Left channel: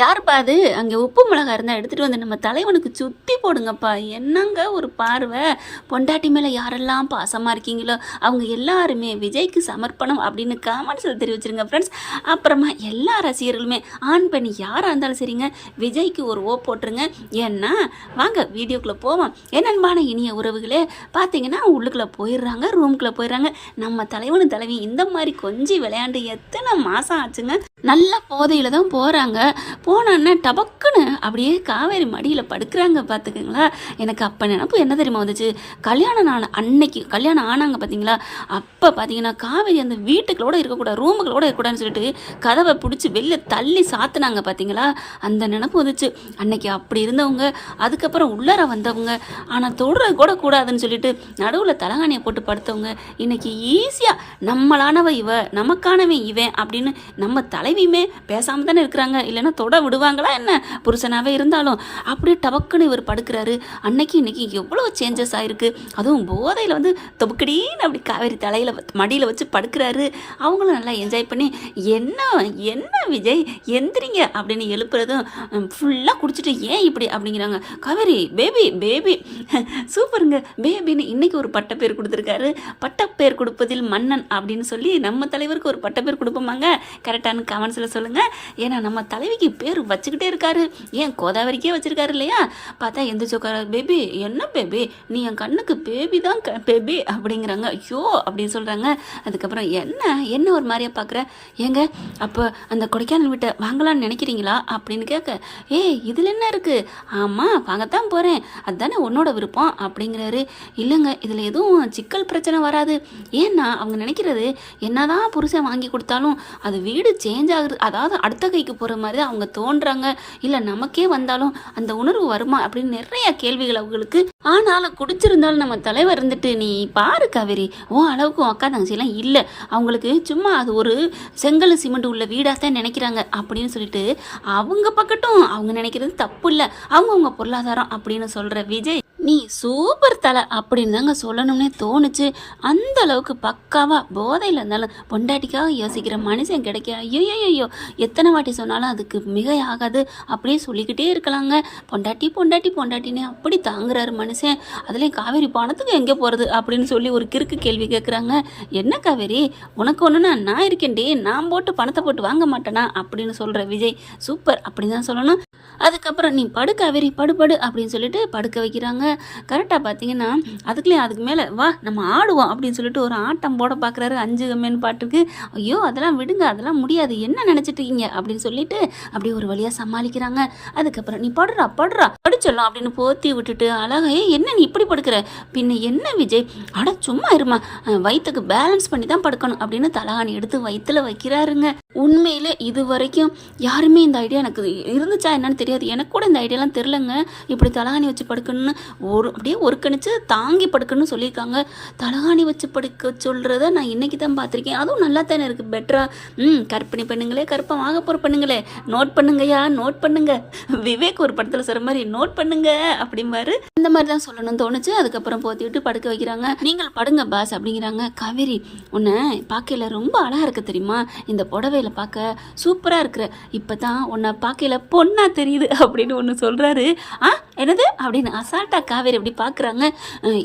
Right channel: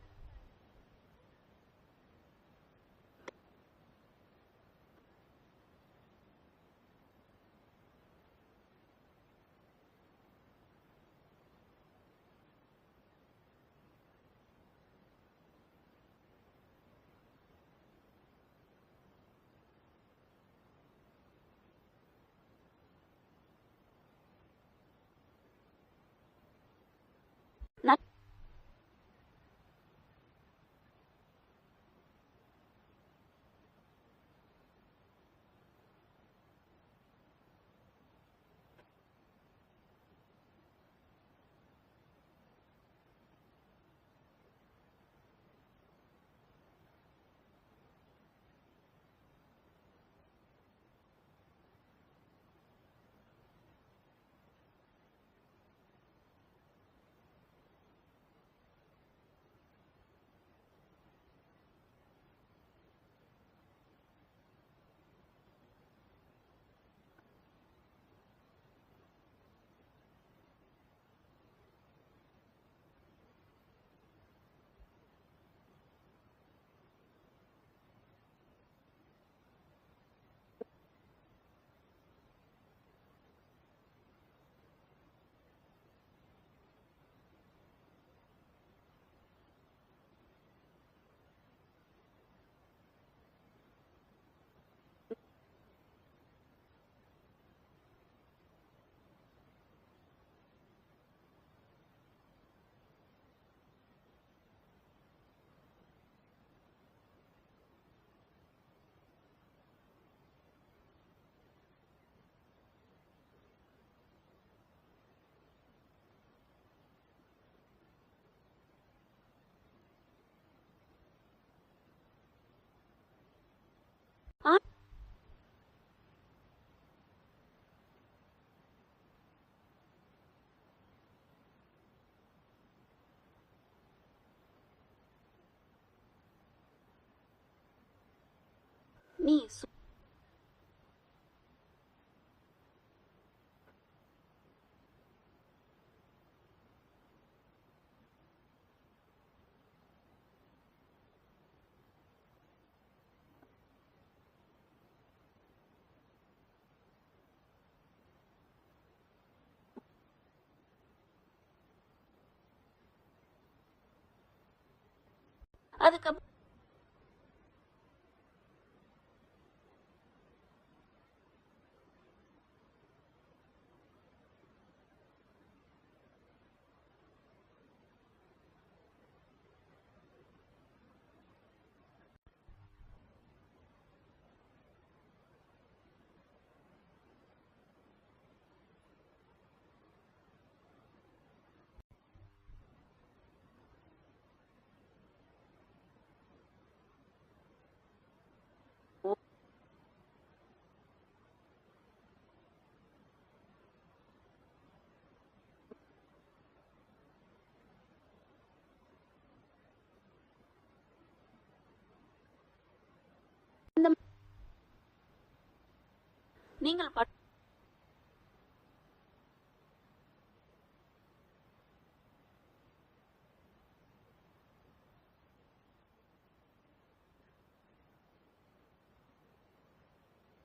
யாருப்பா அது? அங்கே உப்பு மிளகா இருந்தால் எடுத்துகிட்டு வந்து நம்ம தலைவனுக்கு சுற்றி போடுங்கப்பா. என்னங்க ஒரு பார்வை! பொண்டாட்டி மேலே யாரெல்லாம் பாசமாக இருக்கீங்களோ அவங்க எல்லாருமே விஜய்க்கு சமர்ப்பணம் அப்படின்னு கமெண்ட்ஸில் தெரிவிச்சிருங்க ஃப்ரெண்ட்ஸ். அப்புறமா எல்லா ரசிகர்களுமே ஆண் பெண் யாராக இருந்தாலும் சரிங்க, விஜய்க்கு ஒரு போட்டுருங்க. ஏன்னா வாங்க வீடியோக்குள்ளே போவோம். என்னன்பான இனிய உறவுகளே, பார்த்தீங்கன்னா உள்ளுக்குள்ளே போயிடுறாங்க, ரூமுக்குள்ளே போயிடுறாங்க. நம்ம தலைவனு தலைவி இந்த மாதிரி கொஞ்சம் விளையாண்டு எத்தனை மாதம் ஆச்சுங்க. நல்ல போதையில் தான் போகிறாங்க. போனோன்னே டபக்குன்னு அப்படியே காவேரி மடியில் படுக்கிறாங்க பார்த்துக்குங்களா. எனக்கு அப்போ நினப்பு என்ன தெரியுமா வந்துச்சு, கல்யாணம் அன்னைக்கு கல்யாணம் ஆனாங்க பார்த்தீங்களா, அப்போ பார்த்தீங்கன்னா காவேரி அந்த வீட்டுக்குள்ளோட இருக்கக்கூடாது, ரூமுக்குள்ளோட இருக்கக்கூடாதுன்னு சொல்லிட்டு கதவை பிடிச்சி வெளில தள்ளி சாத்துனாங்க பார்த்தீங்களா. அந்த நினப்பு வந்துச்சு. அன்னைக்கு அப்படி இருந்தவங்க அதுக்கப்புறம் உள்ளார வந்தவங்க, ஆனால் தொடுறது கூட கூடாதுன்னு சொல்லிட்டு நடுவில் தலகாணியை போட்டு படுத்தவங்க இன்னைக்கு ஈஸியாக நம்மளானவ இவ, நமக்கானவன் இவன் அப்படின்னு நம்ம தலைவியுமே பேசாமல் தானே இருக்கிறாங்க. இல்லைன்னா தொட விடுவாங்களா என்ன? புருஷனாகவே இருந்தாலும் அப்படியே டபக்குன்னு இவர் படுக்கிறாரு. அன்னைக்கு இன்னைக்கு எவ்வளோ சேஞ்சஸ் ஆகிருக்கு. அதுவும் போதையில் வந்து தொபுக்கடின்னு அப்படி காவேரி தலையில் மடியில் வச்சு படுக்கிறாரு. அவங்களும் நல்லா என்ஜாய் பண்ணி என்ன என்ன விஜய் எந்திரிங்க அப்படின்னு எழுப்புறதும் ஃபுல்லாக குடிச்சிட்டு ஏன் இப்படி அப்படிங்கிறாங்க. காவேரி பேபி பேபி சூப்பருங்க பேபின்னு இன்னைக்கு ஒரு பட்டப்பேர் கொடுத்துருக்காரு. பட்டப்பேர் கொடுப்பதில் மன்னன் அப்படின்னு சொல்லி நம்ம தலைவருக்கு ஒரு பட்டப்பேர் கொடுப்போமாங்க? கரெக்டான கமெண்ட்ஸில் சொல்லுங்கள். ஏன்னா நம்ம தலைவிக்கு பேர் வச்சுக்கிட்டே இருக்காரு. ஏன் கோதாவரிக்கே வச்சுருக்காரு இல்லையா? பார்த்தா எந்த சோக்கார பேபி என்ன பேபி நீ என் கண்ணுக்கு பேபி தான் பேபி அப்படிங்கிறாங்க. ஐயோ அப்படின்னு சொல்கிறாங்க. அதுக்கப்புறம் என்ன ஒரு மாதிரியா பார்க்குற, ஏங்க அப்போ அந்த கொடைக்கானல் வீட்டை வாங்கலான்னு நினைக்கிறீங்களா அப்படின்னு கேட்க, இதில் என்ன இருக்குது? ஆமாம் வாங்கத்தான் போகிறேன், அதுதானே உன்னோட விருப்பம் அப்படிங்கிறாரு. இல்லைங்க இதில் எதுவும் சிக்கல் பிரச்சனை வராது. ஏன்னா அவங்க நினைக்கிறது என்னதான் புருஷன் வாங்கி கொடுத்தாலும் அது வீடு சேஞ்ச் ஆகுது, அதாவது அடுத்த கைக்கு போகிற மாதிரி தான் அவங்க தோன்றாங்க. இல்லை நமக்கே வந்தாலும் அந்த உணர்வு வருமா அப்படின்னு நிறைய கேள்விகள் அவங்களுக்கு. ஆனாலும் குடிச்சிருந்தாலும் நம்ம தலைவர் இருந்துட்டு நீ பாரு காவேரி, உன் அளவுக்கு அக்கா தங்கச்சிலாம் இல்லை, அவங்களுக்கு சும்மா அது ஒரு செங்கல் சிமெண்ட் உள்ள வீடாக தான் நினைக்கிறாங்க அப்படின்னு சொல்லிட்டு அவங்க பக்கட்டும் அவங்க நினைக்கிறது தப்பு இல்லை, அவங்கவுங்க பொருளாதாரம் அப்படின்னு சொல்கிற விஜய் நீ சூப்பர் தலை அப்படின்னு தாங்க சொல்லணும்னே தோணுச்சு. அந்த அளவுக்கு பக்காவாக போதையில் இருந்தாலும் பொண்டாட்டிக்காக யோசிக்கிற மனுஷன் கிடைக்க ஐயோ எத்தனை வாட்டி சொன்னாலும் அதுக்கு மிக ஆகாது. அப்படியே சொல்லிக்கிட்டே இருக்கலாங்க. பொண்டாட்டி பொண்டாட்டி பொண்டாட்டின்னு அப்படி தாங்குறாரு மனுஷன். அதுலேயும் காவேரி பணத்துக்கு எங்கே போகிறது அப்படின்னு சொல்லி ஒரு கிறுக்கு கேள்வி கேட்குறாங்க. என்ன காவேரி உனக்கு ஒன்றுனா நான் இருக்கேன்டி, நான் போட்டு பணத்தை போட்டு வாங்க மாட்டேனா அப்படின்னு சொல்கிற விஜய் சூப்பர் அப்படின்னு தான் சொல்லணும். அதுக்கப்புறம் நீ படு காவேரி படு அப்படின்னு சொல்லிட்டு படுக்க வைக்கிறாங்க. கரெக்டாக பார்த்தீங்கன்னா அதுக்கு மேலே வா நம்ம ஆடுவோம் அப்படின்னு சொல்லிட்டு ஒரு ஆட்டம் போட பார்க்குறாரு. 5 கம்மின்னு பாட்டுக்கு. ஐயோ அதெல்லாம் விடுங்க, அதெல்லாம் முடியாது, என்ன நினச்சிட்டு இருக்கீங்க அப்படின்னு சொல்லிட்டு அப்படியே ஒரு வழியாக சமாளிக்கிறாங்க. அதுக்கப்புறம் நீ படுறா படிச்சலாம் அப்படின்னு போத்தி விட்டுட்டு அழகா என்ன நீ இப்படி படுக்கிற, பின்ன என்ன விஜய் அட சும்மா இருமா, வயிற்றுக்கு பேலன்ஸ் பண்ணி தான் படுக்கணும் அப்படின்னு தலகாணி எடுத்து வயிற்றுல வைக்கிறாருங்க. உண்மையிலே இது வரைக்கும் யாருமே இந்த ஐடியா எனக்கு இருந்துச்சா என்னன்னு தெரியாது. எனக்கு கூட இந்த ஐடியாலாம் தெரிலங்க. இப்படி தலகாணி வச்சு படுக்கணும்னு அப்படியே ஒரு கணிச்சு தாங்கி படுக்கணும்னு சொல்லியிருக்காங்க. தலகாணி வச்சு படுக்க சொல்கிறத நான் இன்றைக்கி தான் பார்த்துருக்கேன். அதுவும் நல்லா தானே இருக்குது, பெட்டரா. கற்பனை பண்ணுங்களே, கற்பம் ஆக போகிற பண்ணுங்களே, நோட் பண்ணுங்கய்யா நோட் பண்ணுங்க. விவேக் ஒரு படத்தில் சொல்கிற மாதிரி நோட் பண்ணுங்க அப்படிம்பாரு. இந்த மாதிரி தான் சொல்லணும்னு தோணுச்சு. அதுக்கப்புறம் போத்தி விட்டு படுக்க வைக்கிறாங்க. நீங்கள் படுங்க பாஸ் அப்படிங்கிறாங்க. காவேரி உன்னை பார்க்கையில் ரொம்ப அழகாக இருக்க தெரியுமா, இந்த புடவையில் பார்க்க சூப்பராக இருக்கிற, இப்போ தான் உன்னை பார்க்கையில் பொண்ணா தெரியுது அப்படின்னு ஒன்று சொல்கிறாரு. என்னது அப்படின்னு அசால்ட்டா காவேரி அப்படி பார்க்குறாங்க.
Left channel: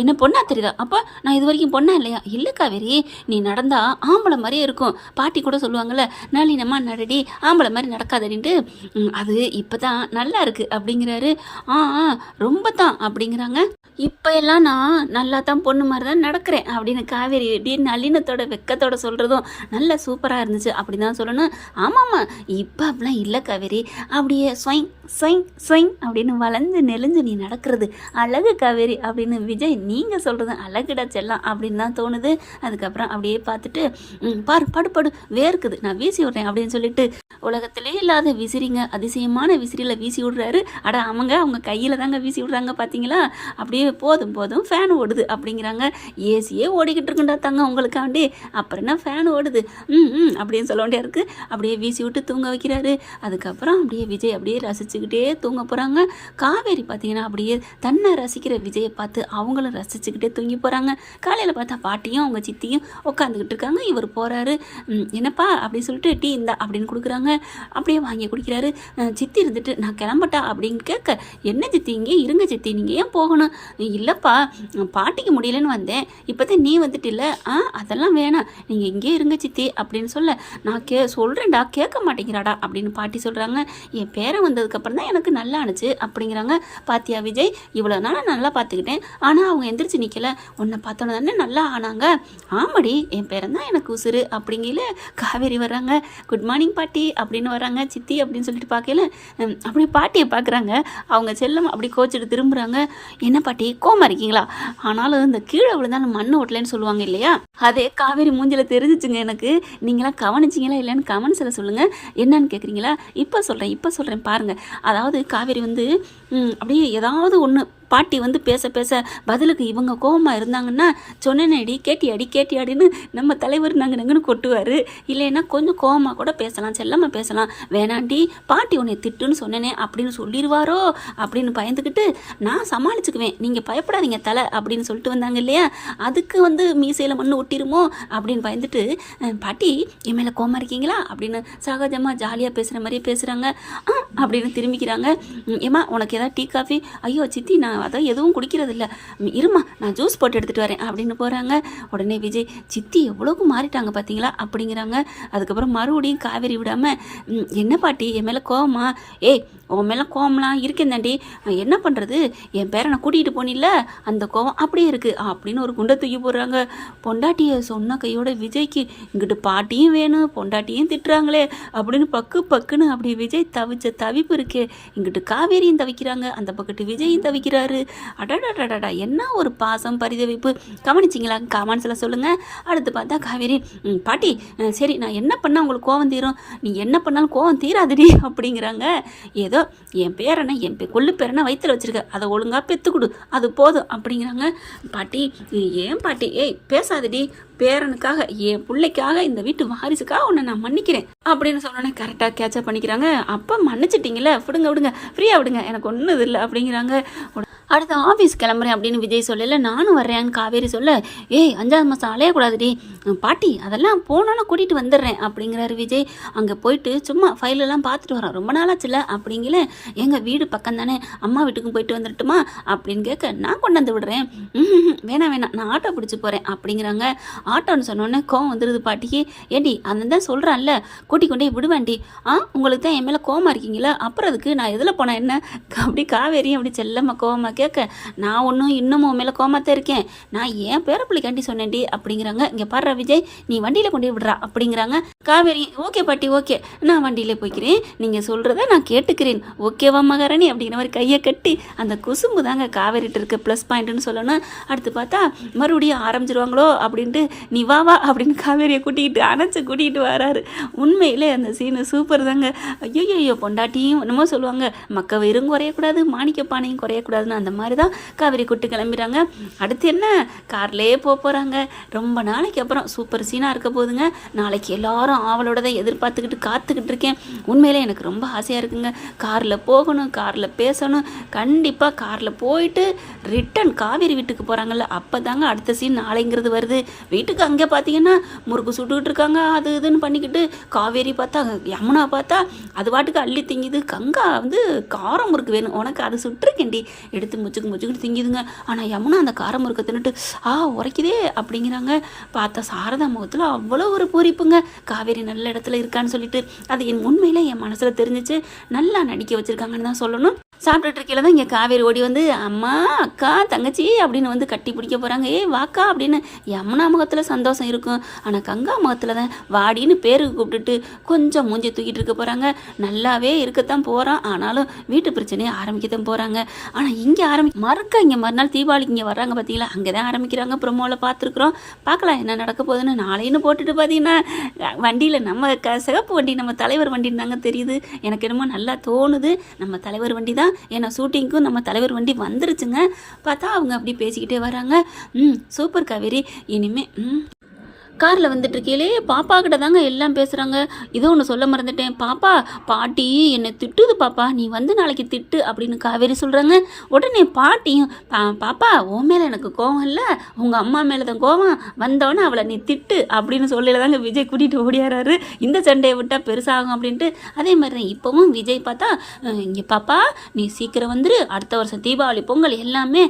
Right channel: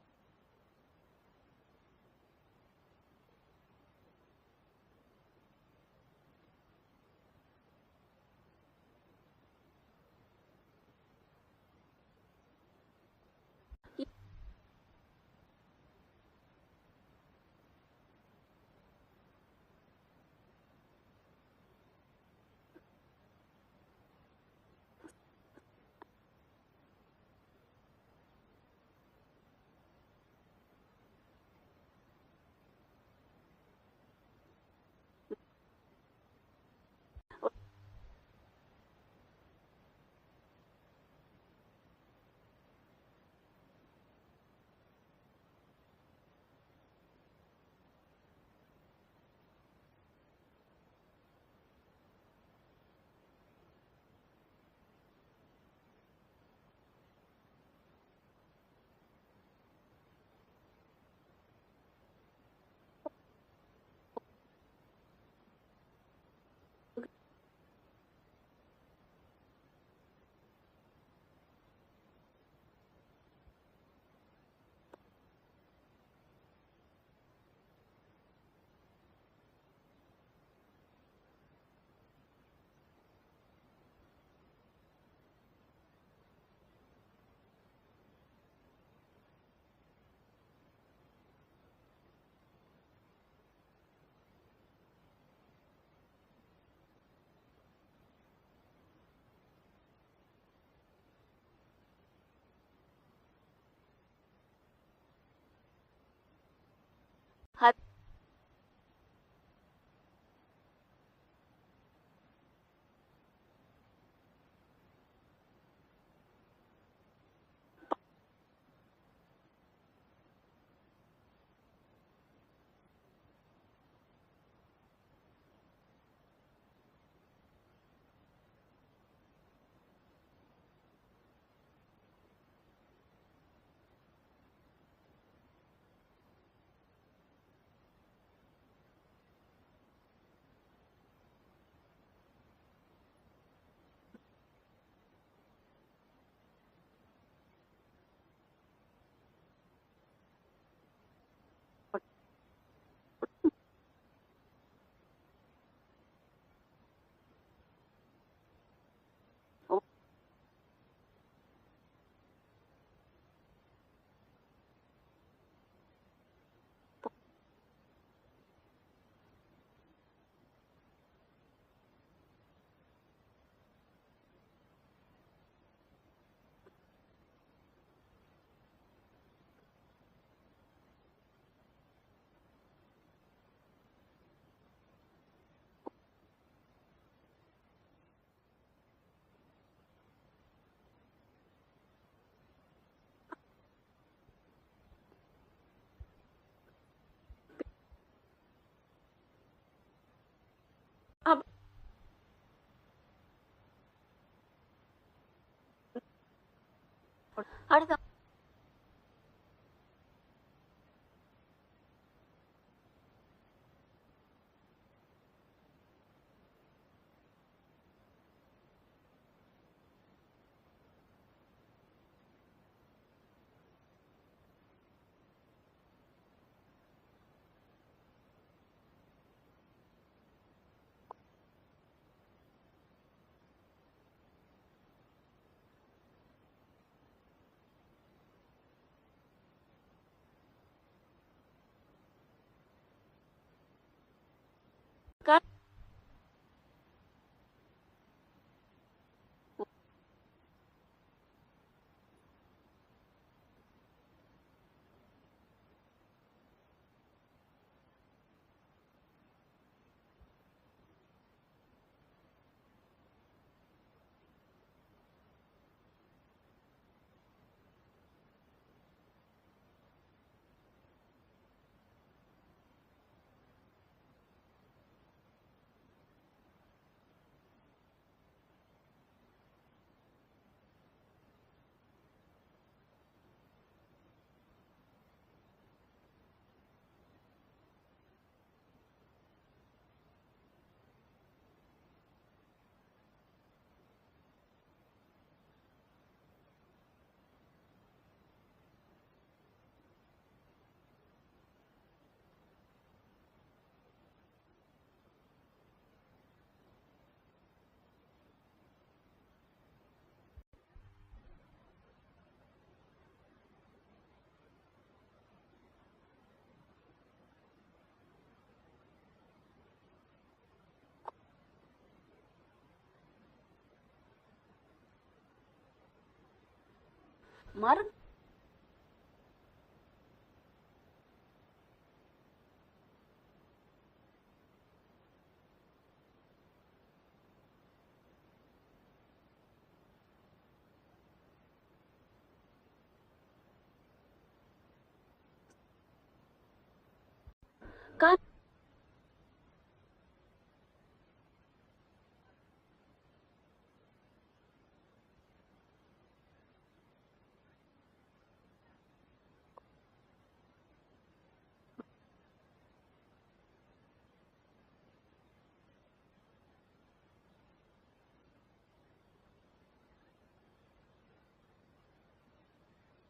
என்ன பொண்ணா தெரியுதா? அப்போ நான் இது வரைக்கும் பொண்ணா இல்லையா? இல்லை காவேரி நீ நடந்தா ஆம்பளை மாதிரியே இருக்கும். பாட்டி கூட சொல்லுவாங்கள்ல நளினமா நடடி ஆம்பளை மாதிரி நடக்காதடின்ட்டு, அது இப்போ தான் நல்லா இருக்குது அப்படிங்கிறாரு. ரொம்ப தான் அப்படிங்கிறாங்க. இப்போ எல்லாம் நான் நல்லா தான் பொண்ணு மாதிரி தான் நடக்கிறேன் அப்படின்னு காவேரி இப்படி நளினத்தோட வெக்கத்தோட சொல்கிறதும் நல்லா சூப்பராக இருந்துச்சு அப்படி தான் சொல்லணும். ஆமாம்மா இப்போ அப்படிலாம் இல்லை காவேரி, அப்படியே ஸ்வைங் ஸ்வைங் ஸ்வைங் அப்படின்னு வளைஞ்சு நெளிஞ்சு நீ நடக்கிறது அழகு காவேரி அப்படின்னு விஜய் நீங்கள் சொல்கிறது அழகுடா செல்லாம் அப்படின்னு தான் தோணுது. அதுக்கப்புறம் அப்படியே பார்த்துட்டு பாரு படு வேர்க்குது நான் வீசி விட்றேன் அப்படின்னு சொல்லிட்டு உலகத்திலே இல்லாத விசிறிங்க அதிசயமான விசிறியில் வீசி விடுறாரு. அவங்க கையில் தாங்க வீசி விடுறாங்க பார்த்தீங்களா. அப்படியே போதும் ஃபேன் ஓடுது அப்படிங்கிறாங்க. ஏசியே ஓடிக்கிட்டு இருக்குண்டா தாங்க உங்களுக்காண்டி, அப்புறம் என்ன ஃபேன் ஓடுது அப்படின்னு சொல்ல வேண்டியா இருக்குது. அப்படியே வீசி விட்டு தூங்க வைக்கிறாரு. அதுக்கப்புறம் அப்படியே விஜய் அப்படியே ரசிச்சுக்கிட்டே தூங்க போகிறாங்க. காவேரி பார்த்தீங்கன்னா அப்படியே தன்னை ரசிக்கிற விஜயை பார்த்து அவங்களும் ரசிச்சுக்கிட்டே தூங்கி போகிறாங்க. காலையில் பார்த்தா பாட்டியும் அவங்க சித்தியும் உட்காந்துக்கிட்டு இருக்காங்க. இவர் போகிறாரு. என்னப்பா அப்படின்னு சொல்லிட்டு டீ இந்தா அப்படின்னு கொடுக்குறாங்க. அப்படியே வாங்கி குடிக்கிறாரு. சித்தி இருந்துட்டு நான் கிளம்பட்டா அப்படின்னு கேட்க, என்ன சித்தி இங்கே இருங்க சித்தி, நீங்கள் ஏன் போகணும்? இல்லைப்பா பாட்டிக்கு முடியலன்னு வந்தேன், இப்போதான் நீ வந்துட்டு இல்லை. அதெல்லாம் வேணாம், நீங்கள் இங்கே இருங்க சித்தி அப்படின்னு சொல்ல, நான் சொல்கிறேன்டா கேட்க மாட்டேங்கிறாடா அப்படின்னு பாட்டி சொல்கிறாங்க. என் பேரன் வந்ததுக்கப்புறம் தான் எனக்கு நல்லா ஆணுச்சு அப்படிங்கிறாங்க. பாத்தியா விஜய், இவ்வளோ நாள் நல்லா பார்த்துக்கிட்டேன், ஆனால் அவங்க எந்திரிச்சு நிற்கல, உன்னை பார்த்தோன்னு தானே நல்லா ஆனாங்க. ஆமாடி, என் பேரன் தான் எனக்கு உசுறு அப்படிங்கல காவேரி வர்றாங்க. குட் மார்னிங் பாட்டி அப்படின்னு வராங்க. சித்தி அப்படின்னு சொல்லிட்டு பார்க்கல, அப்படி பாட்டியை பார்க்குறாங்க. அவங்க செல்லம் அப்படி கோச்சிட்டு திரும்புகிறாங்க. என்ன பாட்டி கோமா இருக்கீங்களா? ஆனாலும் இந்த கீழே விழுந்தாலும் மண் ஓட்டலன்னு சொல்லுவாங்க இல்லையா, அதே காவேரி மூஞ்சில் தெரிஞ்சிச்சுங்க எனக்கு. நீங்களாம் கவனிச்சிங்களா இல்லைன்னு கமெண்ட்ஸில் சொல்லுங்கள். என்னன்னு கேட்குறீங்களா? இப்போ சொல்கிறேன் பாருங்கள். அதாவது காவேரி வந்து அப்படியே ஏதாவது ஒன்று பாட்டி வந்து பேச பேச பதிலுக்கு இவங்க கோபமாக இருந்தாங்கன்னா, சொன்னேனேடி கேட்டியாடின்னு நம்ம தலைவர் நாங்கன்னு கொட்டுவார். இல்லைன்னா கொஞ்சம் கோபமாக கூட பேசலாம், செல்லமாக பேசலாம். வேணாண்டி பாட்டி உன்னை திட்டுன்னு சொன்னேனே அப்படின்னு சொல்லிடுவாரோ அப்படின்னு பயந்துக்கிட்டு நான் சமாளிச்சுக்குவேன், நீங்கள் பயப்படாதீங்க தலை அப்படின்னு சொல்லிட்டு வந்தாங்க இல்லையா, அதுக்கு வந்து மீசையில் மண் ஒட்டிருமோ அப்படின்னு பயந்துட்டு, பாட்டி என் மேலே கோபமாக இருக்கீங்களா அப்படின்னு சகஜமாக ஜாலியாக பேசுகிற மாதிரியே பேசுகிறாங்க. அப்படின்னு திரும்பிக்கிறாங்க. ஏம்மா உனக்கு ஏதாவது டீ காஃபி? ஐயோ சித்தி நான் அதான் எதுவும் குடிக்கிறது இல்லை, இருமா நான் ஜூஸ் போட்டு எடுத்துகிட்டு வரேன் அப்படின்னு போகிறாங்க. உடனே விஜய், சித்தி எவ்வளோக்கு மாறிட்டாங்க பார்த்தீங்களா அப்படிங்கிறாங்க. அதுக்கப்புறம் மறுபடியும் காவேரி விடாமல், என்ன பாட்டி என் மேலே கோவமா? ஏய் உன் மேலே கோவம்லாம் இருக்கேன் தாண்டி, என்ன பண்ணுறது, என் பேரனை கூட்டிகிட்டு போனில்ல அந்த கோவம் அப்படியே இருக்குது அப்படின்னு ஒரு குண்டை தூக்கி போடுறாங்க. பொண்டாட்டியை சொன்ன கையோட விஜய்க்கு இங்கிட்டு பாட்டியும் வேணும் பொண்டாட்டியும் திட்டுறாங்களே அப்படின்னு பக்குன்னு அப்படி விஜய் தவிச்ச தவிப்பு இருக்கே. இங்கிட்டு காவேரியும் தவிக்கிறாங்க, அந்த பக்கத்து விஜயும் தவிக்கிறாரு. அடடடடா என்ன ஒரு பாசம் பரிதவிப்பு. கவனிச்சிங்களா? கமெண்ட்ஸில் சொல்லுங்கள். அடுத்து பார்த்தா காவேரி, பாட்டி சரி நான் என்ன பண்ணால் உங்களுக்கு கோவம் தீரும்? நீ என்ன பண்ணாலும் கோவம் தீராதுடி அப்படிங்கிறாங்க. ஏதோ என் பேரனை கொள்ளு பேரனை வயிற்றுல வச்சிருக்க, அதை ஒழுங்காக பெற்றுக்கொடு அது போதும் அப்படிங்கிறாங்க. பாட்டி ஏன் பாட்டி, ஏய் பேசாதடி, பேரனுக்காக என் பிள்ளைக்காக இந்த வீட்டு வாரிசுக்காக உன்னை நான் மன்னிக்கிறேன் அப்படின்னு சொன்னோன்னே கரெக்டாக கேட்சப் பண்ணிக்கிறாங்க. அப்போ மன்னிச்சிட்டிங்களே, விடுங்க ஃப்ரீயாக விடுங்க, எனக்கு ஒன்றும் இது இல்லை அப்படிங்கிறாங்க. அடுத்து ஆஃபீஸ் கிளம்புறேன் அப்படின்னு விஜய் சொல்லல, நானும் வர்றேன்னு காவேரி சொல்ல, ஏய் 5ஆவது மாதம் அலையக்கூடாதுடி பாட்டி, அதெல்லாம் போனோன்னு கூட்டிகிட்டு வந்துடுறேன் அப்படிங்கிறாரு விஜய். அங்கே போயிட்டு சும்மா ஃபைலெல்லாம் பார்த்துட்டு வரோம், ரொம்ப நாளாச்சுல அப்படிங்கல. எங்கள் வீடு பக்கம் தானே, அம்மா வீட்டுக்கும் போயிட்டு வந்துட்டுமா அப்படின்னு கேட்க, நான் கொண்டாந்து விடுறேன். வேணாம் நான் ஆட்டோ பிடிச்சி போகிறேன் அப்படிங்கிறாங்க. ஆட்டோன்னு சொன்னோன்னே கோவம் வந்துடுது பாட்டிக்கு. ஏண்டி அந்த தான் சொல்கிறான்ல கூட்டி கொண்டே விடுவேண்டி, உங்களுக்கு தான் என் மேலே கோவமாக இருக்கீங்களா, அப்புறம் அதுக்கு நான் எதில் போனேன் என்ன அப்படி காவேரியும் அப்படி செல்லம்மா கோவமாக கேட்க, நான் ஒன்றும் இன்னமும் மேலே கோமாத்தான் இருக்கேன், நான் ஏன் பேரப்பிள்ளைக்காண்டி சொன்னேன்டி அப்படிங்கிறாங்க. இங்கே பாரு விஜய், நீ வண்டியில் கொண்டு விடுறா அப்படிங்கிறாங்க. காவேரி ஓகே பாட்டி ஓகே, நான் வண்டியில் போய்க்கிறேன், நீங்கள் சொல்கிறத நான் கேட்டுக்கிறேன், ஓகேவா மகாராணி அப்படிங்கிற மாதிரி கையை கட்டி அந்த குசும்பு தாங்க காவேரிட்டு இருக்க ப்ளஸ் பாயிண்ட்டுன்னு சொல்லணும். அடுத்து பார்த்தா மறுபடியும் ஆரம்பிச்சிருவாங்களோ அப்படின்ட்டு, நீ வா அப்படின்னு காவேரியை கூட்டிகிட்டு வராரு. உண்மையிலே அந்த சீனு சூப்பர் தாங்க. ஐயோ பொண்டாட்டியும் என்னமோ சொல்லுவாங்க, மக்க வெறும் குறையக்கூடாது மாணிக்க பானையும் குறையக்கூடாதுன்னு, அந்த மாதிரி தான் காவேரி கூட்டு கிளம்பிடுறாங்க. அடுத்து என்ன, கார்லேயே போகிறாங்க. ரொம்ப நாளைக்கு அப்புறம் சூப்பர் சீனாக இருக்க போகுதுங்க. நாளைக்கு எல்லாரும் ஆவலோட தான் எதிர்பார்த்துக்கிட்டு காத்துக்கிட்டு இருக்கேன். உண்மையிலே எனக்கு ரொம்ப ஆசையாக இருக்குங்க, காரில் போகணும், காரில் பேசணும். கண்டிப்பாக காரில் போயிட்டு ரிட்டன் காவேரி வீட்டுக்கு போகிறாங்கல்ல, அப்போ தாங்க அடுத்த சீன் நாளைங்கிறது வருது. வீட்டுக்கு அங்கே பார்த்தீங்கன்னா முறுக்கு சுட்டுக்கிட்டு இருக்காங்க, அது இதுன்னு பண்ணிக்கிட்டு. காவேரி பார்த்தா யமுனா பார்த்தா அது பாட்டுக்கு அள்ளி திங்குது. கங்கா வந்து காரம் முறுக்கு வேணும் உனக்கு, அது சுட்டுருக்கேன்டி எடுத்து முச்சுக்கிட்டு திங்கிதுங்க. ஆனால் யமுனா அந்த காரம் முறுக்க தின்னுட்டு உரைக்குதே அப்படிங்கிறாங்க. பார்த்தா சாரதா முகத்தில் அவ்வளோ ஒரு பூரிப்புங்க, காவேரி நல்ல இடத்துல இருக்கான்னு சொல்லிட்டு. அது என் உண்மையில என் மனசில் தெரிஞ்சிச்சு, நல்லா நடிக்க வச்சுருக்காங்கன்னு தான் சொல்லணும். சாப்பிட்டுட்டு இருக்கையில தான் இங்கே காவேரி ஓடி வந்து, அம்மா அக்கா தங்கச்சி அப்படின்னு வந்து கட்டி பிடிக்க போகிறாங்க. வாக்கா அப்படின்னு யமுனா முகத்தில் சந்தோஷம் இருக்கும், ஆனால் கங்கா முகத்தில் தான் வாடின்னு பேருக்கு கூப்பிட்டுட்டு கொஞ்சம் மூஞ்சி தூக்கிட்டு இருக்க போகிறாங்க. நல்லாவே இருக்கத்தான் போகிறான், ஆனாலும் வீட்டு பிரச்சனையை ஆரம்பிக்கத்தான் போகிறாங்க. ஆனால் இங்கே இங்கே மறுநாள் தீபாவளிக்கு இங்கே வர்றாங்க பார்த்தீங்களா, அங்கே தான் ஆரம்பிக்கிறாங்க. ப்ரொமோவில் பார்த்துருக்குறோம், பார்க்கலாம் என்ன நடக்க போகுதுன்னு. நாளைன்னு போட்டுட்டு பார்த்தீங்கன்னா வண்டியில் நம்ம சிகப்பு வண்டி நம்ம தலைவர் வண்டின்னு தாங்க தெரியுது. எனக்கு என்னமோ நல்லா தோணுது நம்ம தலைவர் வண்டி தான், ஏன்னா ஷூட்டிங்க்கும் நம்ம தலைவர் வண்டி வந்துருச்சுங்க. பார்த்தா அவங்க அப்படி பேசிக்கிட்டே வராங்க. சூப்பர் காவேரி, இனிமே காரில் வந்துட்டு இருக்கையிலே பாப்பா கிட்ட தாங்க எல்லாம் பேசுகிறாங்க. இதோ ஒன்று சொல்ல மறந்துட்டேன். பாப்பா பாட்டி என்னை திட்டுது பாப்பா, நீ வந்து நாளைக்கு திட்டு அப்படின்னு காவேரி சொல்கிறாங்க. உடனே பாட்டியும் பாப்பா உன் மேலே எனக்கு கோவம் இல்லை, உங்கள் அம்மா மேலே தான் கோவம், வந்தோடனே அவளை நீ திட்டு அப்படின்னு சொல்லல தாங்க விஜய் கூட்டிகிட்டு ஓடியாராரு. இந்த சண்டையை விட்டால் பெருசாகும் அப்படின்ட்டு. அதே மாதிரி தான் இப்போவும் விஜய் பார்த்தா இங்கே பாப்பா நீ சீக்கிரம் வந்துரு, அடுத்த வருஷம் தீபாவளி பொங்கல் எல்லாமே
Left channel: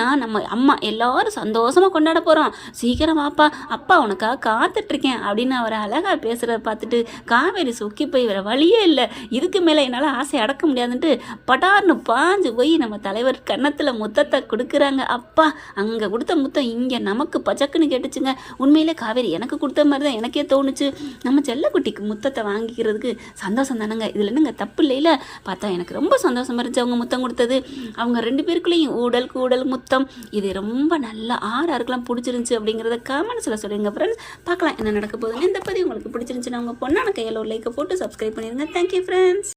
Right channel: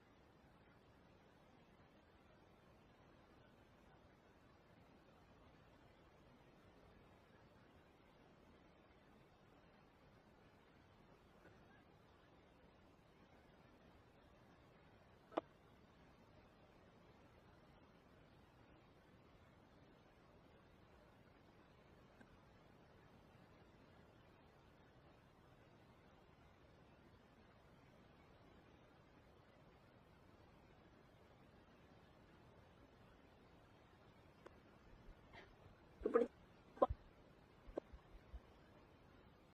நான் நம்ம அம்மா எல்லாரும் சந்தோஷமாக கொண்டாட போகிறோம், சீக்கிரம் வாப்பா, அப்பா உனக்காக காத்துட்ருக்கேன் அப்படின்னு அவர் அழகாக பேசுகிறத பார்த்துட்டு காவேரி சொக்கி போய் வேறு வழியே இல்லை, இதுக்கு மேலே என்னால் ஆசை அடக்க முடியாதுன்ட்டு பட்டார்னு பாஞ்சு போய் நம்ம தலைவர் கன்னத்தில் முத்தத்தை கொடுக்குறாங்க. அப்பா அங்கே கொடுத்த முத்தம் இங்கே நமக்கு பச்சக்குன்னு கேட்டுச்சுங்க. உண்மையிலே காவேரி எனக்கு கொடுத்த மாதிரி தான் எனக்கே தோணுச்சு. நம்ம செல்லக்குட்டிக்கு முத்தத்தை வாங்கிக்கிறதுக்கு சந்தோஷம் தானேங்க, இதில் என்னங்க தப்பு இல்லையில. பார்த்தா எனக்கு ரொம்ப சந்தோஷமாக இருந்துச்சு அவங்க முத்தம் கொடுத்தது. அவங்க 2 பேருக்குள்ளேயும் ஊடல் கூடல் முத்தம் இது ரொம்ப நல்லா ஆறாருக்கெல்லாம் பிடிச்சிருந்துச்சு அப்படிங்கிறத கமெண்ட்ஸில் சொல்லுங்க ஃப்ரெண்ட்ஸ். பார்க்கலாம் என்ன நடக்க போகுதுன்னு. இந்த பதிவு உங்களுக்கு பிடிச்சிருந்துச்சுன்னா உங்கள் பொண்ணான கையில் ஒரு லைக்கை போட்டு சப்ஸ்கிரைப் பண்ணிடுங்க. Thank you friends.